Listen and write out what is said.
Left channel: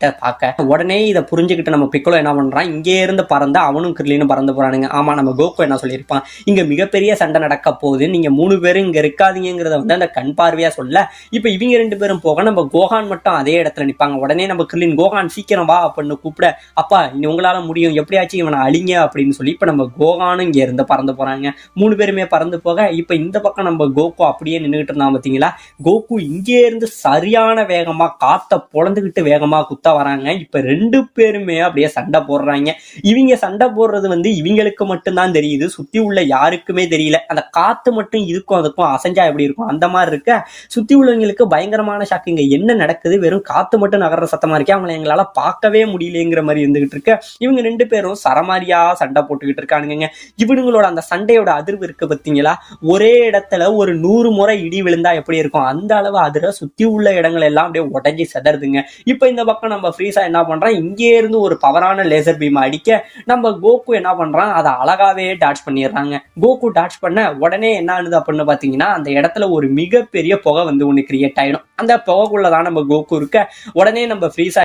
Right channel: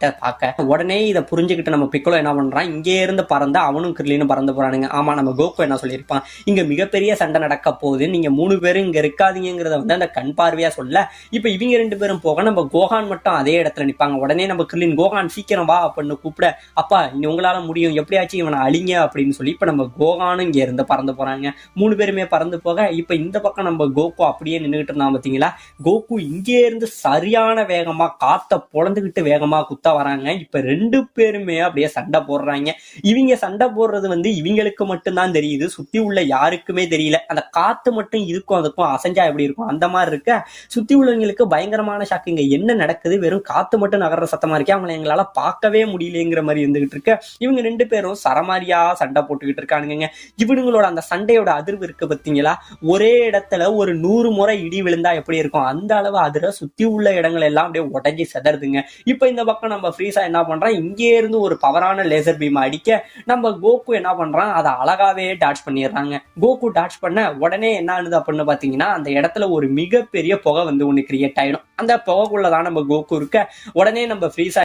கிட்ட பார்க்க. உடனே இதை புரிஞ்சுக்கிட்டு நம்ம பிக்கலோ என்ன பண்றான், இங்கே இருந்து பறந்து அவனும் கிர்லினும் பறந்து போறானுங்க. ஆமா, நம்ம கோகு என்ன சொல்லியிருப்பான், இங்க மிகப்பெரிய சண்டை நடக்க போகுது, நீங்க 3 பேரும் இங்க இருக்காதீங்கிறத வந்து அந்த கண் பார்வையா சொல்ல. இப்ப இவங்க 2 பேரும் போக நம்ம கோகான் மட்டும் அதே இடத்துல நிப்பாங்க. உடனே நம்ம கிர்லின் கோகான் சீக்கிரம் வா அப்படின்னு கூப்பிட, அப்பா உங்களால முடியும், எப்படியாச்சும் இவனை அழிங்க அப்படின்னு சொல்லி இப்ப நம்ம கோகானும் இங்க இருந்து பறந்து போறாங்க. 3 பேருமே பறந்து போக இப்ப இந்த பக்கம் நம்ம கோகு அப்படியே நின்றுட்டு இருந்தான் பாத்தீங்களா. கோகு இங்கே இருந்து சரியான வேகமா காத்த பொழந்துகிட்டு வேகமா குத்த வராங்க. இப்ப 2 பேருமே அப்படியே சண்டை போடுறாங்க. இவங்க சண்டை போடுறது வந்து இவங்களுக்கு மட்டும்தான் தெரியுது, சுத்தி உள்ள யாருக்குமே தெரியல. அந்த காத்து மட்டும் இதுக்கும் அதுக்கும் அசைஞ்சா எப்படி இருக்கும் அந்த மாதிரி இருக்க. சுத்தி உள்ளவங்களுக்கு பயங்கரமான ஷாக்கு, இங்க என்ன நடக்குது, வெறும் காத்து மட்டும் நகர்ற சத்தமா இருக்கே, அவங்களை எங்களால பார்க்கவே முடியலங்கிற மாதிரி இருந்துகிட்டு இருக்க. இவங்க 2 பேரும் சரமாரியா சண்டை போட்டுக்கிட்டு இருக்கானுங்க. இவனுங்களோட அந்த சண்டையோட அதிர்வு இருக்கு பாத்தீங்களா, ஒரே இடத்துல ஒரு 100 முறை இடி விழுந்தா எப்படி இருக்கும் அந்த அளவு அதிர சுத்தி உள்ள இடங்கள் எல்லாம் அப்படியே உடஞ்சி செதறுதுங்க. இப்ப இந்த பக்கம் நம்ம ஃப்ரீஸா என்ன பண்றான், இங்கே இருந்து ஒரு பவரான லேசர் பீம் அடிக்க நம்ம கோகு என்ன பண்றான், அதை அழகாவே டாட்ச் பண்ணிடுறாங்க. கோகு டாட்ச் பண்ண உடனே என்ன ஆகுது அப்படின்னு பாத்தீங்கன்னா, அந்த இடத்துல ஒரு மிகப்பெரிய புகை வந்து ஒண்ணு கிரியேட் ஆயிடும். அந்த புகைக்குள்ளதான் நம்ம கோகு இருக்க. உடனே நம்ம ஃப்ரீஸா